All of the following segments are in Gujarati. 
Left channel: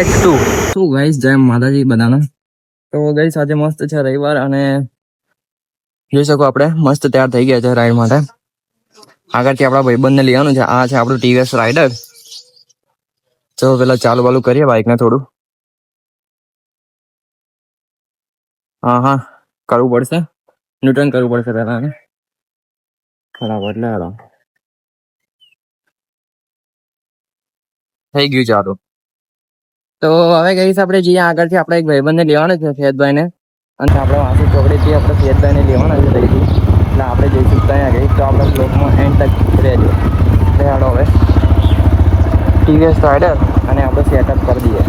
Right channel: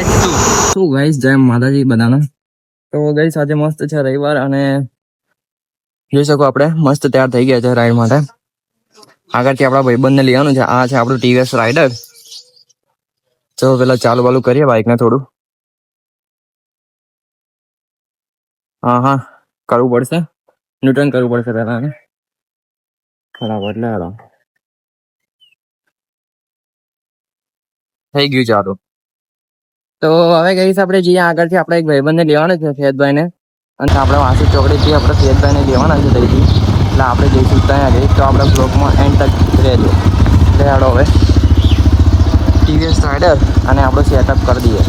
પાર્ટ 2। શું ગાઈસ, જય માતાજી બધાને। તો ગાઈસ આજે મસ્ત છે રવિવાર અને જોઈ શકો આપણે મસ્ત તૈયાર થઈ ગયા છે રાઈડ માટે। આગળથી આપણા ભાઈબંધને લેવાનું છે। આ છે આપણું ટીવીએસ રાઇડર। તો પેલા ચાલુ બાલુ કરીએ બાઇકને થોડું। હા કરવું પડશે, ન્યૂટન કરવું પડશે પેલા ને બરાબર। એટલે હાલો થઈ ગયું ચાલુ। તો હવે ગઈશ આપણે જઈએ આગળથી આપણે એક ભાઈબંધને લેવાનો છે ફેદભાઈને, અને આપણે વાંસુ ચોકડીથી આપણે ફેદભાઈને લેવાના છે ત્યાંથી, એટલે આપણે જઈશું ત્યાં જઈશ। તો આપણે બ્લોગમાં એન્ડ તક રહેજો। હાલો હવે ટીવીએસ રાઇડર અને આપણે સેટઅપ કરી દઈએ।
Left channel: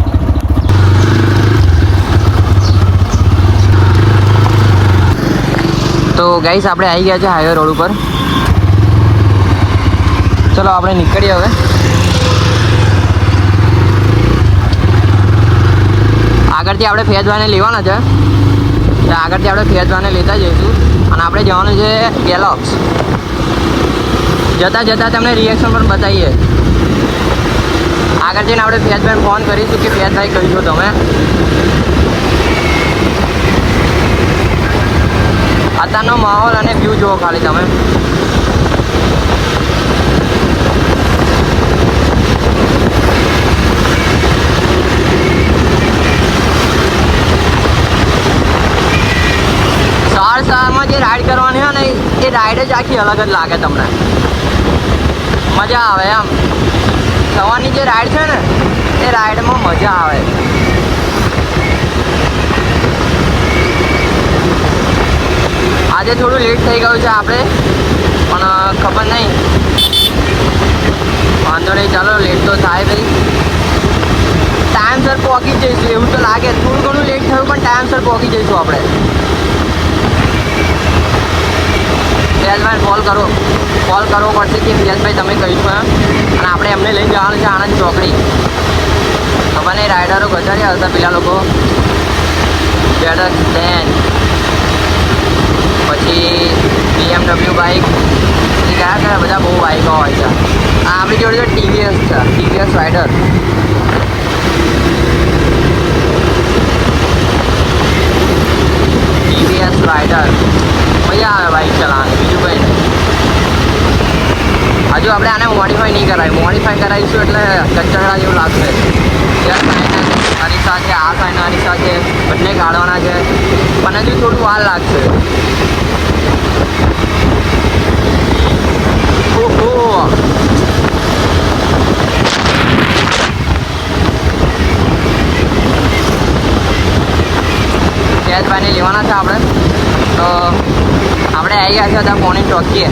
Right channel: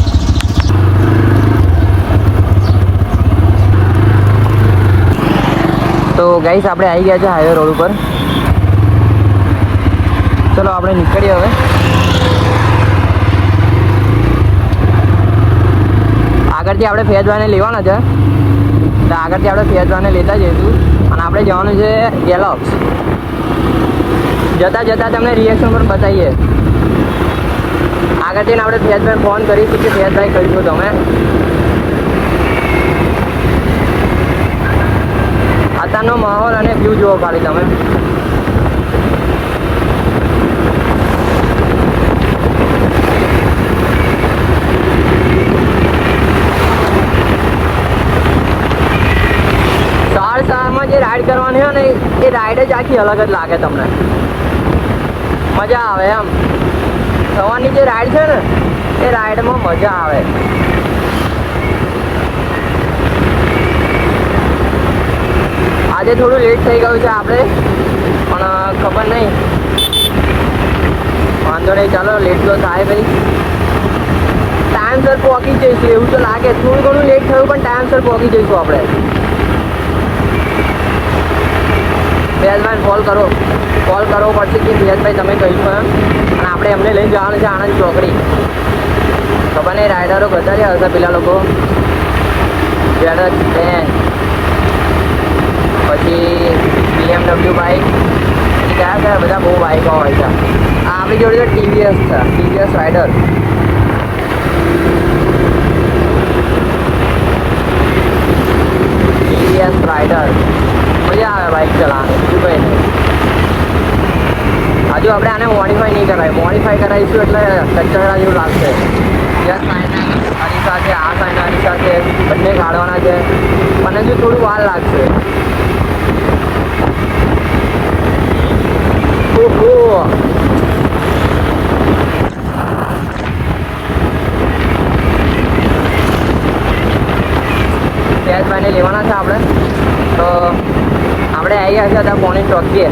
તો ગાઈસ આપણે આવી ગયા છે હાઈવે રોડ ઉપર। ચલો આપણે નીકળીએ હવે। આગળથી આપણે ફેજવાને લેવાના છે, એટલે આગળથી આપણે ફેજવાને લેતા જઈશું અને આપણે જવાનું છે ગેલોક્સ। જતાં જતાં તમને રિએક્શન પણ બતાવીએ। આગળ જઈને આપણે ફેજભાઈને ફોન કરીશું કે ફેજભાઈ કહ્યું છો તમે। અત્યારનો માહોલ અને વ્યૂ જુઓ ખાલી તમે। સવારમાં જે રાઈડ કરવાની હોય ને એ રાઈડ જ આખી અલગ જ લાગે તમને, મજા આવે એમ। સવારની જે રાઈડ છે ને એ રાઈડમાં મજા આવે। આજે થોડું લેટ થઈ ગયું છે આપણે, પણ ખબર નહીં, વાંધો નહીં, ચાલો લેટ તો થાય ભાઈ, ટાઈમસર પહોંચી જઈશું એવું તો લાગે। થોડું ઘણું લેટ થયું પણ ટાઈમસર પહોંચી જઈશું આપણે। ફિયાઝભાઈને કોલ કરવો પડશે કે ફિયાઝભાઈ તમે કહીશું એમ, અને આપણે એમને લઈને જવાનું છે આણંદ ચોકડી। ખબર નહીં રાઇડરો ગજાર્યા હશે પેલા લોકો, ZX 10 પછી BMW બાઇક, પછી કયા બધા બહુ બાઇકો હોય છે। આ આપણી જોડે તો ટીવીએસ છે, ટીવીએસ રાઇડર। ટીવીએસ રાઇડર મજા આવે બાઇક ચલાવવાની, બીજું કંઈ નહીં। હજુ આપણે આને મોડિફાઈ નહીં કરાય, મોડિફાઈ કરાવીશું એટલે કચરા જેવું લાગશે। જ્યાં સાઈના અરીસા છે, આ સાઈના અરીસા છે, બંને કાઢવાના છે, પણ હજુ થોડું વાર લાગશે। ફેજભાઈને લેવાના છે આપણે, તો આપણે આવી ગયા છે અત્યારે પોણી ટોકીએ।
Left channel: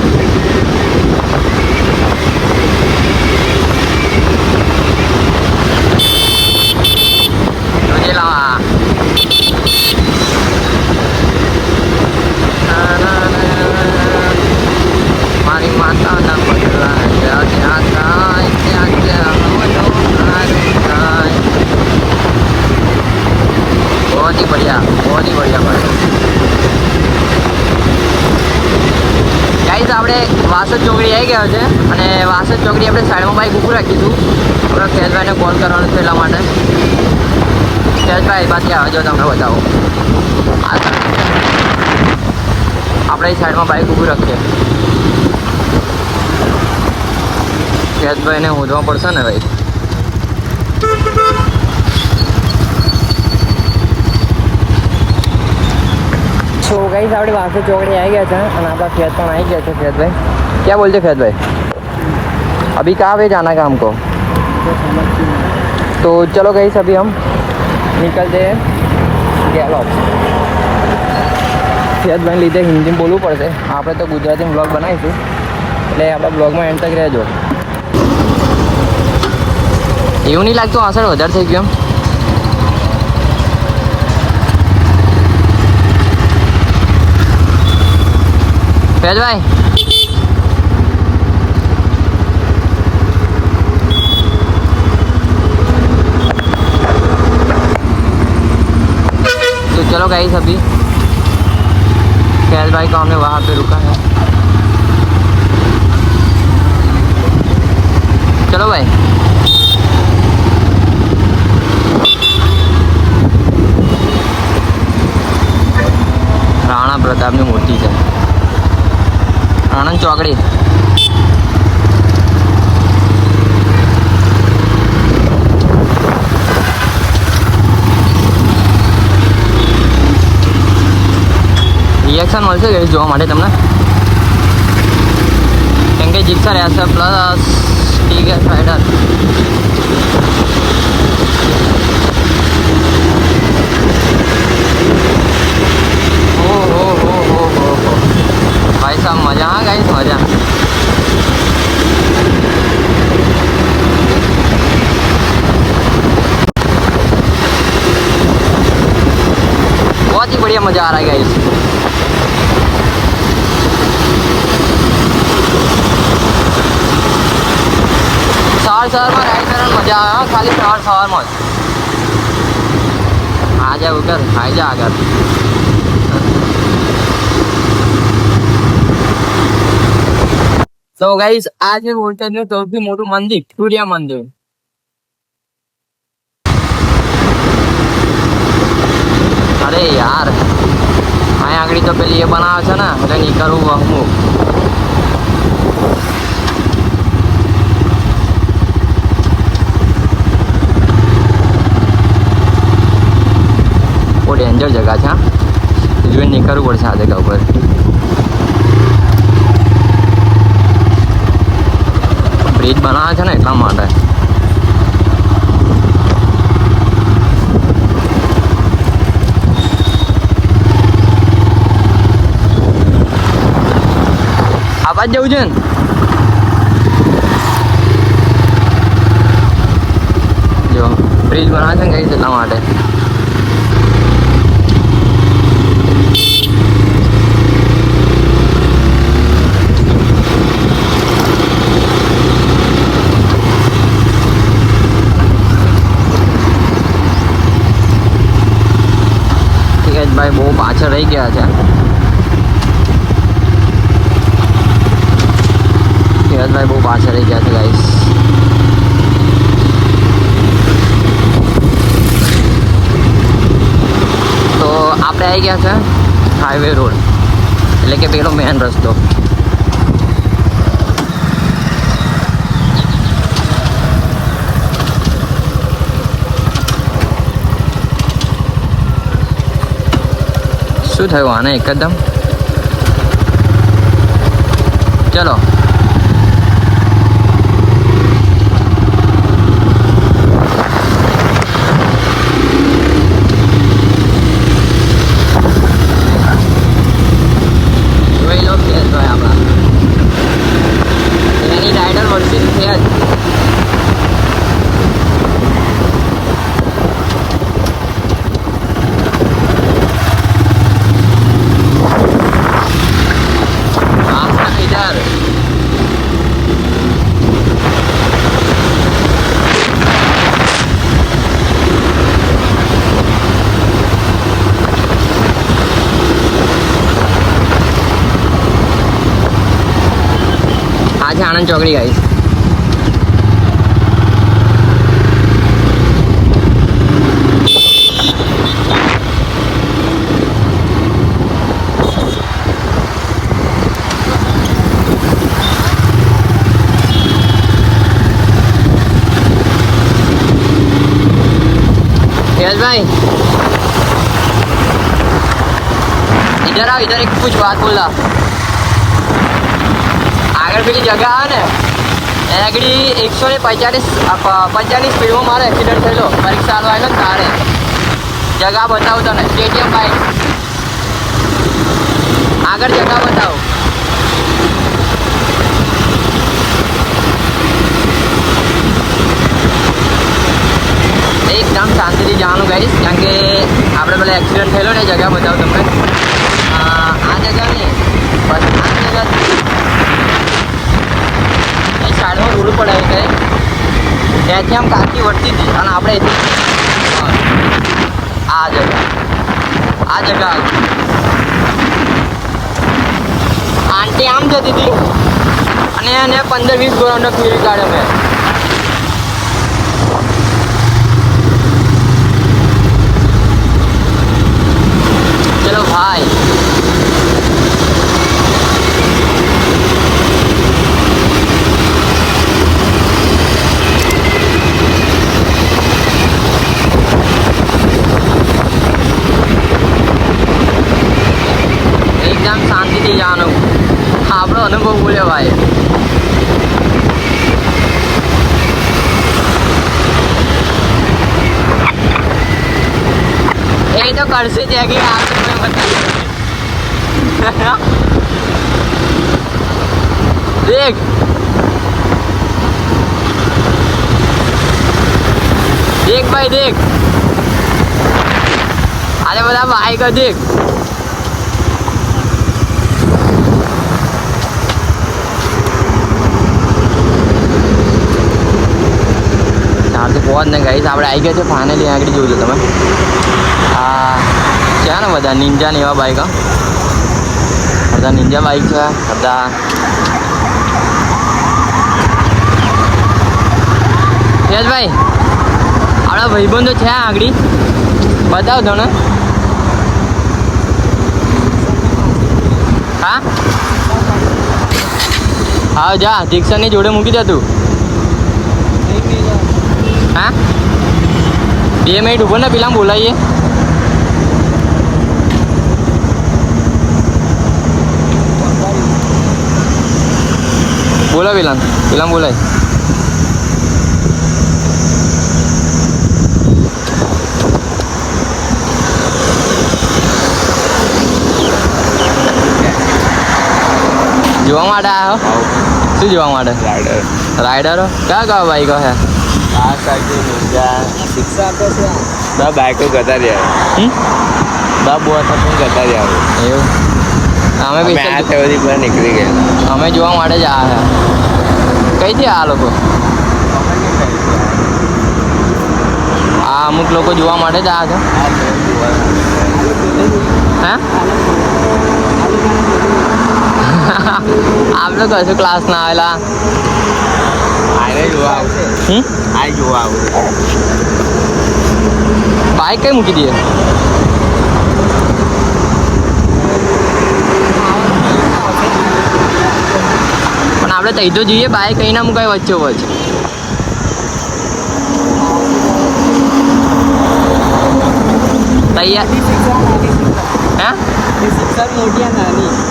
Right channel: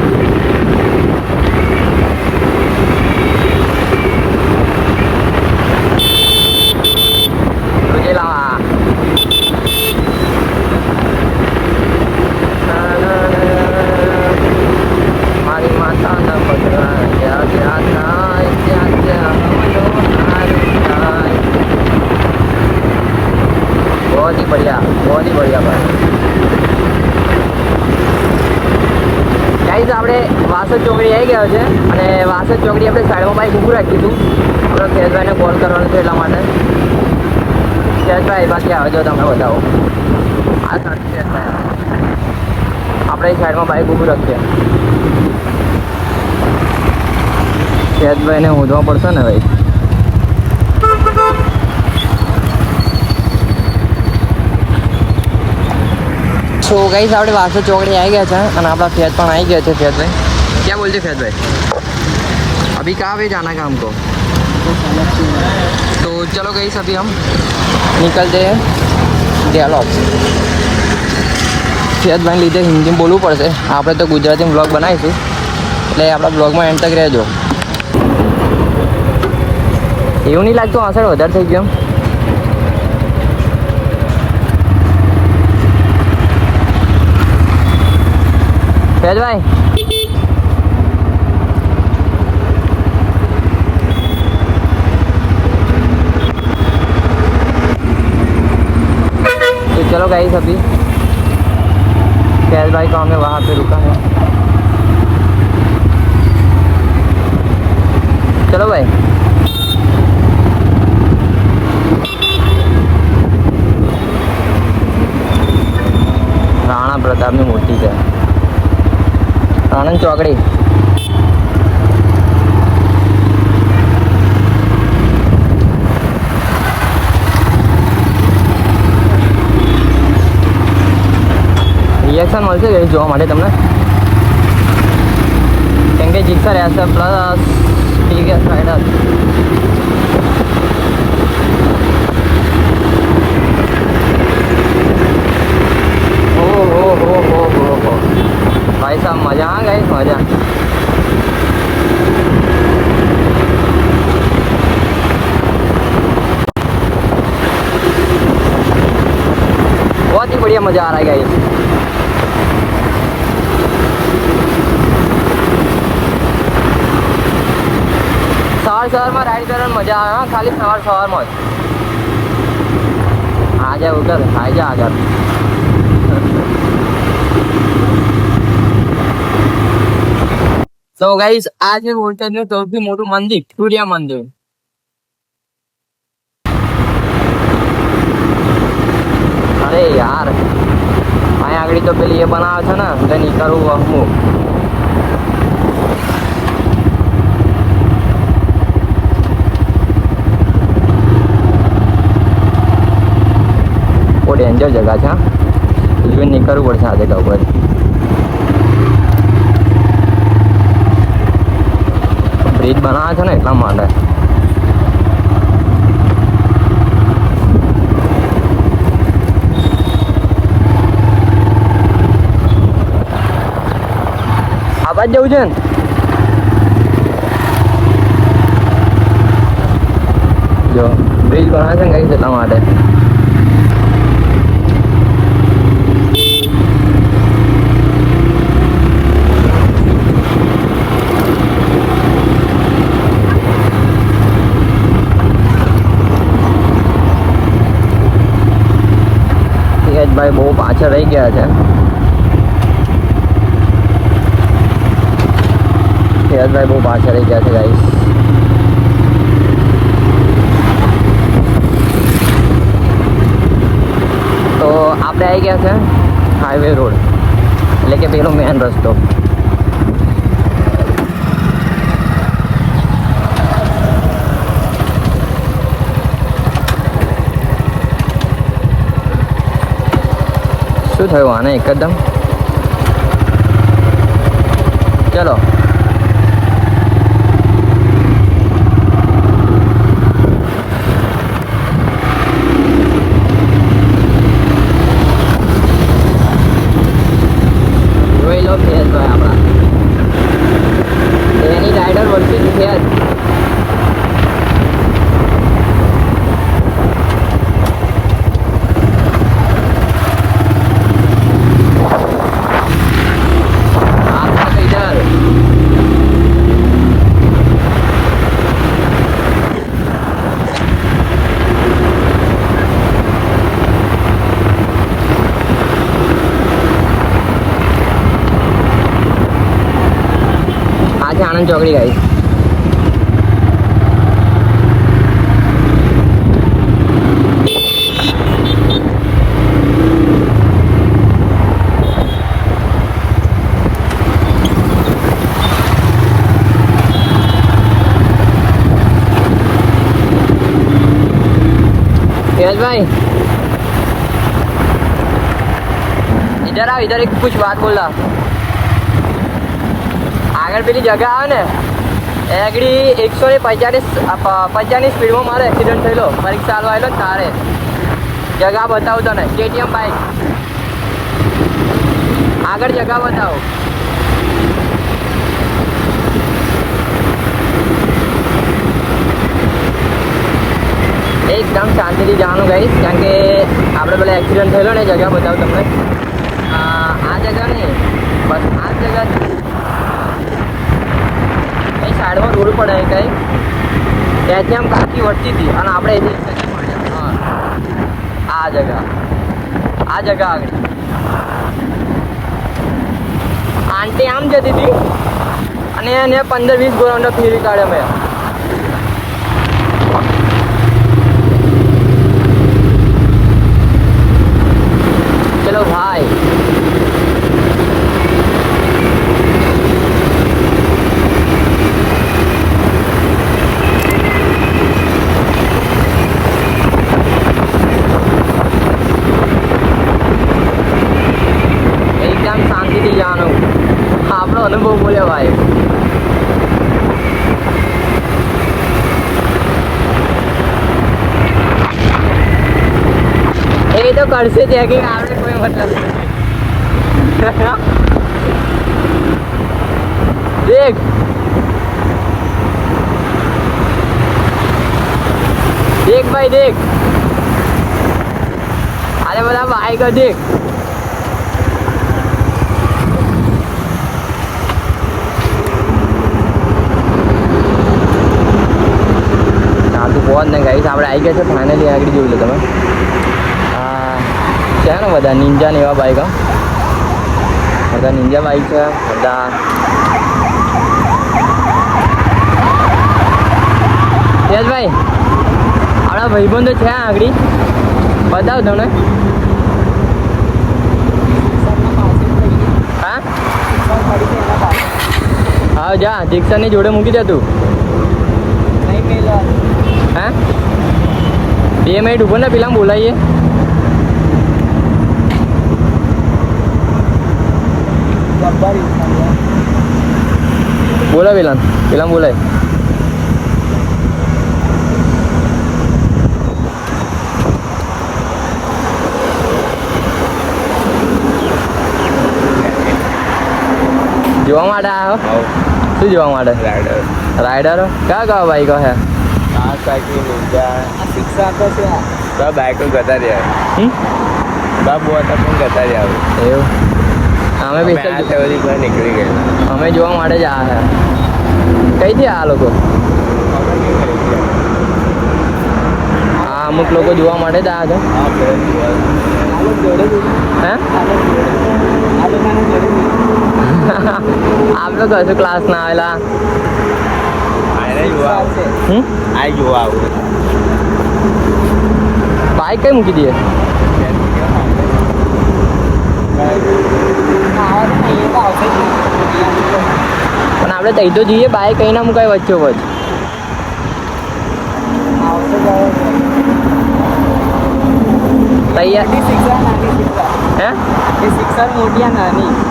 તુજે લાવા મારી માતાના પગલા જ્યાં જ્યાં થાય ત્યાં ત્યાં बहुत ही बढ़िया भाई। ગાઈઝ આપણે વાસદ ચોકડી આવી ગયા છે, અને વાસદ ચોકડી આપણે સાઈડમાં બાઈક ઊભું રાખીશું। આપણે ફેજભાઈને કોલ કરવાનો છે એટલા માટે। ફેજભાઈ બાકી આવે જો તમને બતાવો, આ આપણે સાઈડમાં બાઈક ઊભું રાખીએ। ફેજભાઈને શોધવા પડશે ને ભાઈ। तो गाइस આપણે વાસદ ચોકડી આવી ગયા છે અને આપણા ફેજ પણ આવી ગયા છે। फैज भाई क्या बोलते फैज भाई, अभी कहाँ पे जाना है हमको? तो चलो गाइस अभी हम निकलते हैं गैलोक्स। ફેજ ભાઈ લીધે હિન્દીમાં બોલવું પડશે, આપણે તો ગુજરાતીમાં બ્લોગ બનાવીશું, એટલે આપણા બ્લોગમાં એન્ડ તક રહેજો। એવું નહીં લાગતું અસર વધારે થઈ ગયો એમ? फैज भाई तो चलो गाइस अभी फैज भाई को हमने वहाँ पे रुका है। चलो भाई આનંદ ચોકડી. રિએક્શન મળશે ગઈ જોવા માટે તમને, કેમ કે જીક્સર એસ પ્લસ ટીગેસ રાઇડર. हो भाई साहब मजा आ गई मजा. बहुत ही बढ़िया मजा आ रहा है गाइस. सवार में राइड करने मजा आवे, खाली सवार में आ जा उगर आ जा आगर. तो गाइस આ છે બોટાદનું સૌથી મોટું મંદિર, સૂર્ય મંદિર. અરે યાર અહીંયા આગળ તો પેલી એ બનાવે છે ને એટલે નીકળવું વહમું. બહુ ડેન્જર જગા છે, જોઈને નીકળવું પડશે આ જગા ઉપર. બ્રિજ બનાવે છે ને એટલા માટે. આ બાજુ જવું છે ને, જો બ્રિજ બનાવે છે ને કઈ એટલા માટે. ભાઈ બહુ પાછળ રહી ગયા છે. ભાઈ બહુ પાછળ રહી ગયા છે ગાઈસ. તો આપણે આવી ગયા છે હાઈવે રોડ, એટલે કે પેલો મેન રસ્તો. શું થયું આને એકદમ? ચલો જોઈ લો ફેઝભાઈ આપણા એની રાઇડર વર્સિસ ફેઝ. આ છે આનંદ ચોકડી ગાઈસ. भाई इधर आओ, इधर एक कुछ बात बोल रहा. આગળ પેલી જગા આવે ને એ આગળ 150 સ્પીડમાં મારો એક્સિડન્ટ થયેલો પરીક્ષા આલવા આવેલો ને તારે. જગા બતાવું તને, KTM બાઇક આગળ જગા બતાવું. એકદમ શાંતિથી જવાનું ગાઈશ, કારણ કે આપણે પેલા એક્સિડન્ટ થયેલો ને એ જગા બતાવું તમને. આ જગા નહીં, બસ આ જગા સાઈડમાં રોડ પડે કઈ ત્યાંથી આમ કાકી વળતી હતી અને આપણે આ જગા આંટી આમ જતી હતી અને એને 15-20 ગોરાઉન્ડ ફેરવી કાઢ્યો મેં. ચલો ભાઈ શાંતિથી જવાનું. આપણો અનુભવ બોલ્યો ભાઈ. એ તો કરશે ચેકિંગ આવે કોઈ મતલબ દેખ દેખ ભાઈ દેખ અરે બધા બાઈક દેખ ચારથી પહોંચ ને ગાઈસ આપણે આવી ગયા છે ફાઇનલી આગળ જોઈ લો તમે આ છે ને બધા નિંજા ને એવા બાઈક અડધા નિંજા બાઈક છે અડધા યશભાઈ આપણા ભાઈબંધો છે આગળ બતાવ તને હા હા જા દીક્ષાની જોડે મૂકી દે તું હા 2 મિનિટ ઉભો ને પેલા બોલાવીએ બોલો પેલા બોલાય જોવા માટે આવ્યો શું જોવા માટે રાઈડરો કયા બાઈકો છે બાઈકો જતા રહ્યા એવું અમે બી નીકળી ગયા અમે જોવા માટે જ આવ્યા છે કઈથી આ લોકો આ અમુક લોકો જોવા માટે જ આવ્યા છે આપણે કશું ક્લાસ ના આવેલા બાઈક કઈ મૂકી દઈએ પણ આપણે તઈ તો જઈએ બાઈક કઈ ના મુકાય વચ્ચે વચ્ચ તૈયાર હે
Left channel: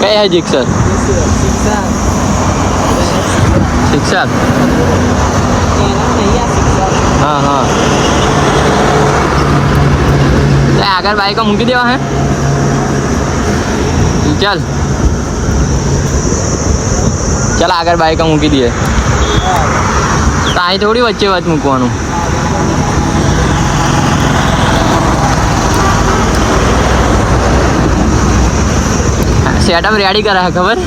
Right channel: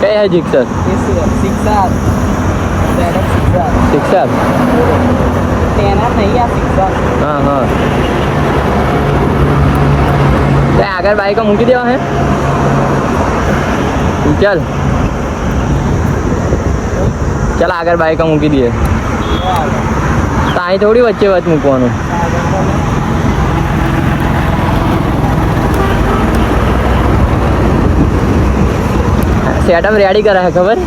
કઈ હે જીક્સર શિક્ષક હા હા તો આગળ બાઈકો મૂકી દેવા હે ચાલ ચાલ આગળ બાઈકો મૂકી દઈએ તો અહીં થોડી વચ્ચે વચ્ચે મૂકવાનું સેટઅપ રેડી કરે છે ખબર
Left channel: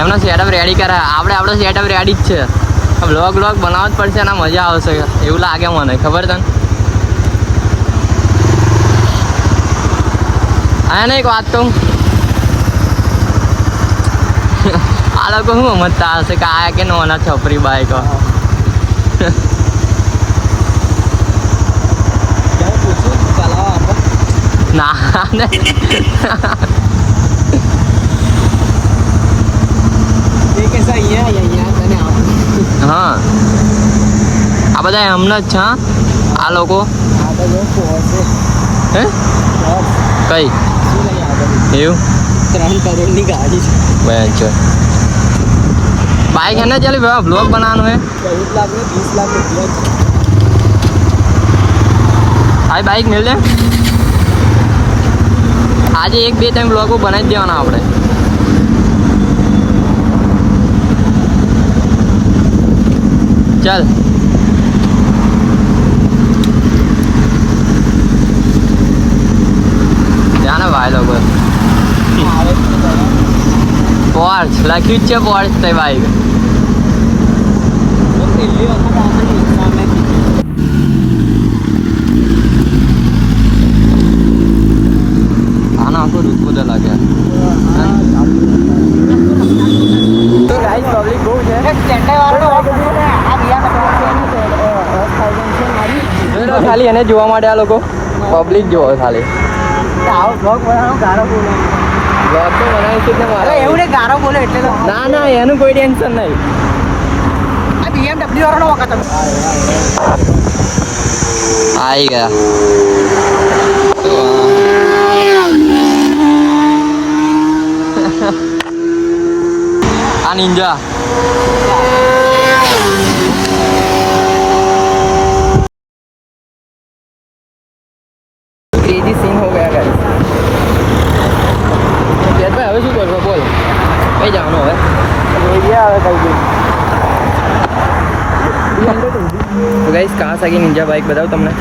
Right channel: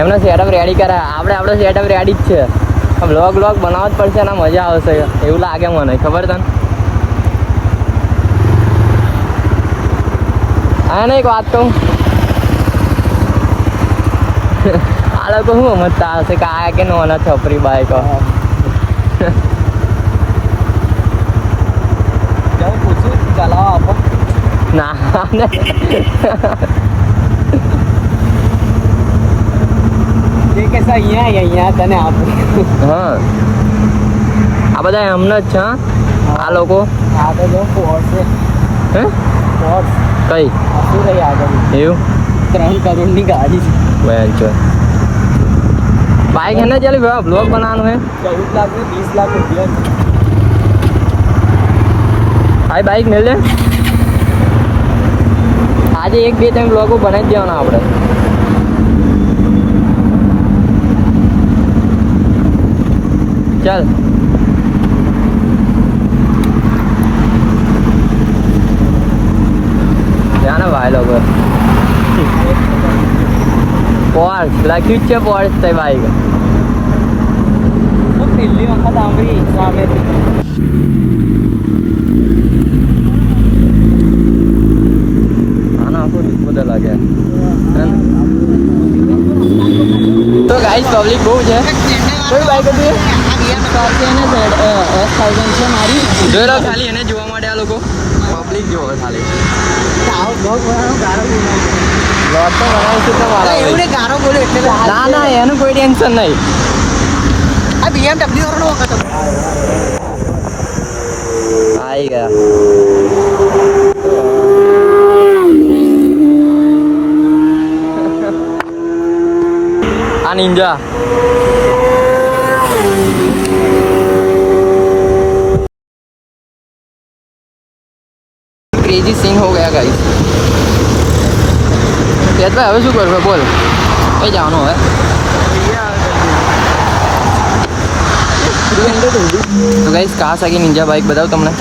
એમનો સેટઅપ રેડી કરે આપણે આપણો સેટઅપ રેડી જ છે બ્લોગ બનાવવો જ પડશે ને મજા આવશે એવું લાગે મને ખબર તને હા ને એક વાત કહું આ લોકો શું સમજતા હશે કે આયા કે નોના છપરી બાઈકો ના ને હા આ બધા એમના જ છે આ લોકો હે કઈ એવું બહેન છે બાઈક है ना चल ब्लॉग बनाना है भाई बाइक मिल जाए આજે 1-2-3 બ્લોગો બનાવી દેવાના આપણે ચાલ ત્યાં ને ભાઈ લોકો પોર્ચ લખ્યું જ છે પોર્ચ તે બાઈક લાગે તો ગાઈસ પબ્લિક બહુ છે જોઈ લો ખાલી એને જોવા માટે આ લોકો પબ્લિક જોવો ખાલી બ્લોગ તો બનાવીશું તો મારા ના ના એનું કોઈ ટેન્શન નહીં આવી ગયા તો, આ નિંજા क्रेजी सिंह हो गया गाइस ભાઈ હવે શું કરવું બોલ એ જવાનું હવે તો ગાઈસ કાવાસાકી નિંજા બાઇક બતાવું તમને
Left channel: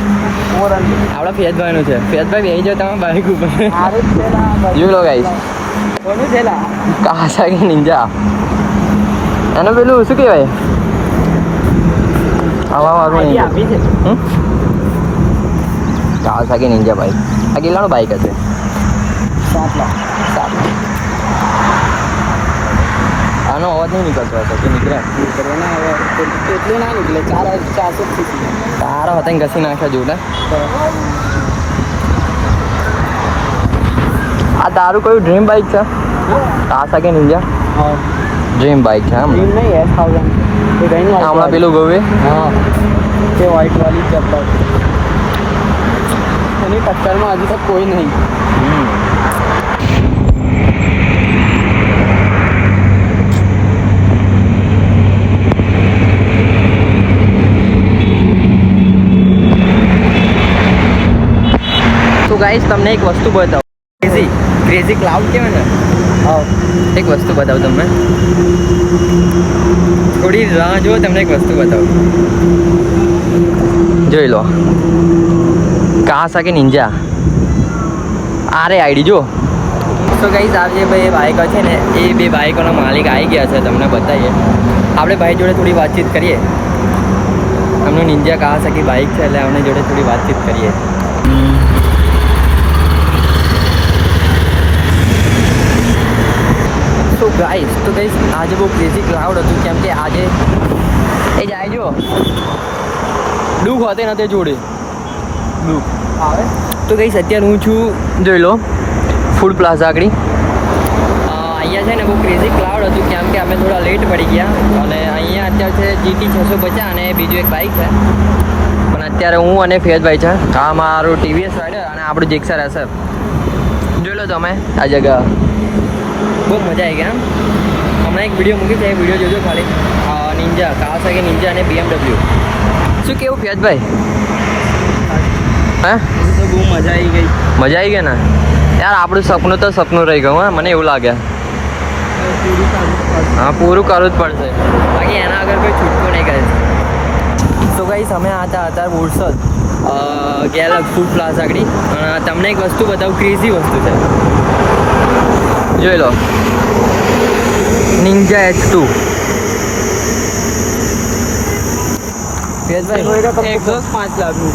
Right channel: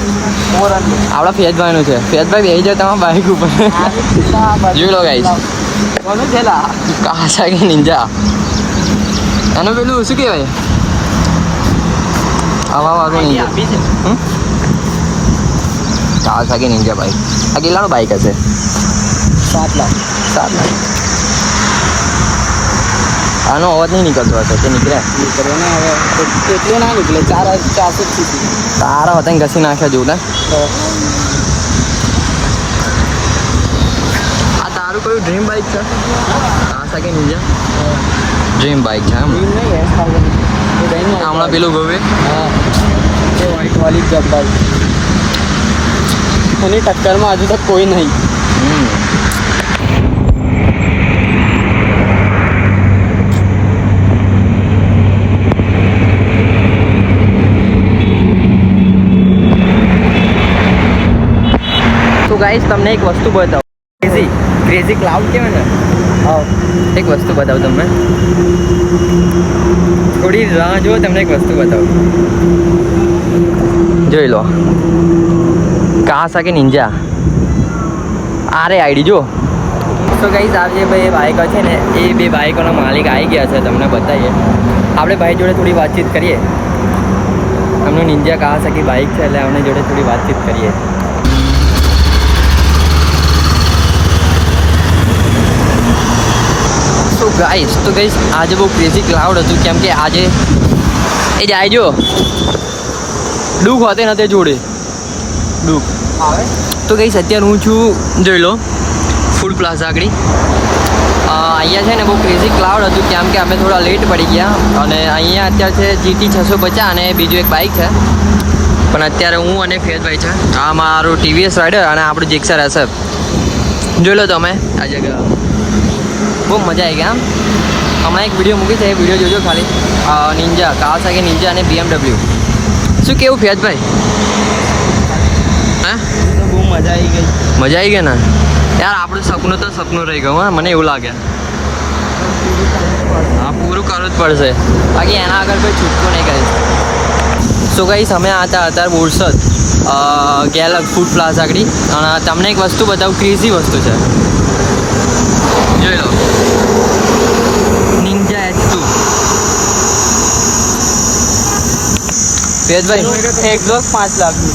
આપણા ફેજભાઈનું છે ફેજભાઈ બેસી જાય તમારા બાઇક ઉપર જોઈ લો ગાઈસ કાવાસાકી નિંજા અને પેલું શું કહેવાય આવા વાળું નિંજા કાવાસાકી નિંજા બાઇક આ કેટલાનો બાઇક હશે 7 લાખ આનો અવાજ નહીં નીકળતો હશે કે નીકળે તારા વતન ઘસી નાખ્યા જોડે આ તારું કયું ડ્રીમ બાઇક છે કાવાસાકી નિંજા ડ્રીમ બાઇક છે હમણાં પેલું ગવે વ્હાઈટ વાળી જબ્બર એની ટક્કરમાં હજુ તક કોઈ નહીં તો ગાઈસ તમને એક વસ્તુ બતાવું ક્રેઝી ક્લાઉડ કહેવાય ને એક વસ્તુ બતાવું તમને થોડી રાહ જુઓ તમને એક વસ્તુ બતાવું જોઈ લો કાવાસાકી નિંજા આરે આઈડી જો તો ગાઈસ આ જે ભાઈ બાઇકો છે ને એ બે બાઇકોના માલિક આવી ગયા છે તમને બતાવીએ આપણે ભાઈ જોડે થોડી વાતચીત કરીએ એમનું નિંજા કાવાસાકી બાઇક છે એટલે એમની જોડે થોડી વાતચીત કરીએ તો ગાઈસ આજે બહુ ક્રેઝી ક્લાઉડ હતું કેમ કે આજે એ જાય જો દુઃખ હોતે નથી જોડે દુઃખ આવે તો ગાઈસ અત્યારે હું છું જોઈ લો ફૂડ પ્લાઝા આગળ અહીંયા છે ને બહુ ક્રેઝી ક્લાઉડ હતું કેમ કે અમે થોડા લેટ પડી ગયા અને અહીંયા અત્યારે છે GT 650 અને બીજું એક બાઇક છે પણ અત્યારે હું અને ફેજભાઈ છે આ મારું TVS રાઇડર અને આપણું જીક્સર SF જોઈ લો તમે આ જગ્યા બહુ મજા આવી ગયા હમણાં એક વિડીયો મૂકી છે એ વિડીયો જોજો ખાલી નિંજા કાવાસાકી નિંજા અને BMW શું કેવું ફેજભાઈ હે તો બહુ મજા આવી ગઈ ને યાર આપણું સપનું તો સપનું રહી ગયું હા મને એવું લાગે હા પૂરું કરવું જ પડશે બાકી એના આગળ કોઈ છૂટકો નહીં કરે સો ગાઈસ અમે હતા અત્યારે બોરસદ ગેલા ફૂડ પ્લાઝા આગળ અને તમને એક વસ્તુ બતાવું ક્રેઝી વસ્તુ છે જોઈ લો નિંજા H2 ફેજભાઈ એક્ઝોસ્ટ 5 લાખનું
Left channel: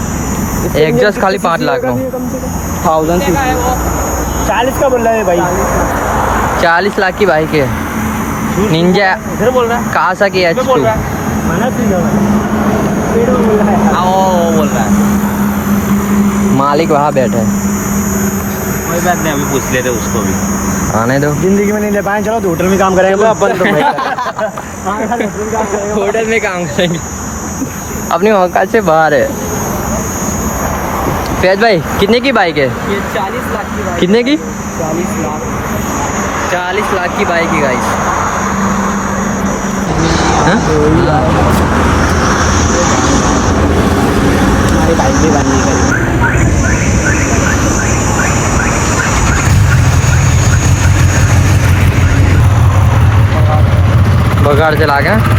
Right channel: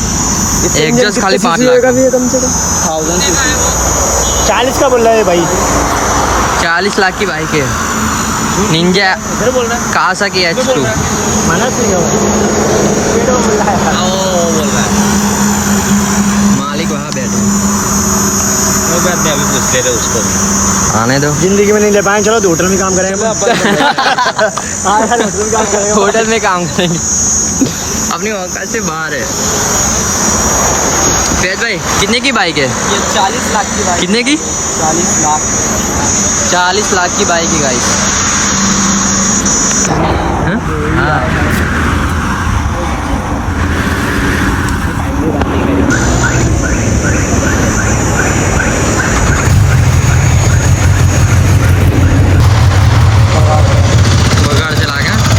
एग्जॉस्ट खाली 5 लाख नो 40 का बोल रहा है भाई 40 लाख की बाइक है निंजा कावासाकी H2 मालिक वहाँ बैठे हैं ये बात नहीं अभी पूछ लेते उसको आने दो जिंदगी में नहीं ले पाए चलो तो होटल में काम करेंगे होटल में काम करेंगे अपनी औकात से बाहर है फैज भाई कितने की बाइक है ये 40 लाख की बाइक कितने की 40 लाख 40 लाख की बाइक है गाइस हाँ बगाड़ चला गया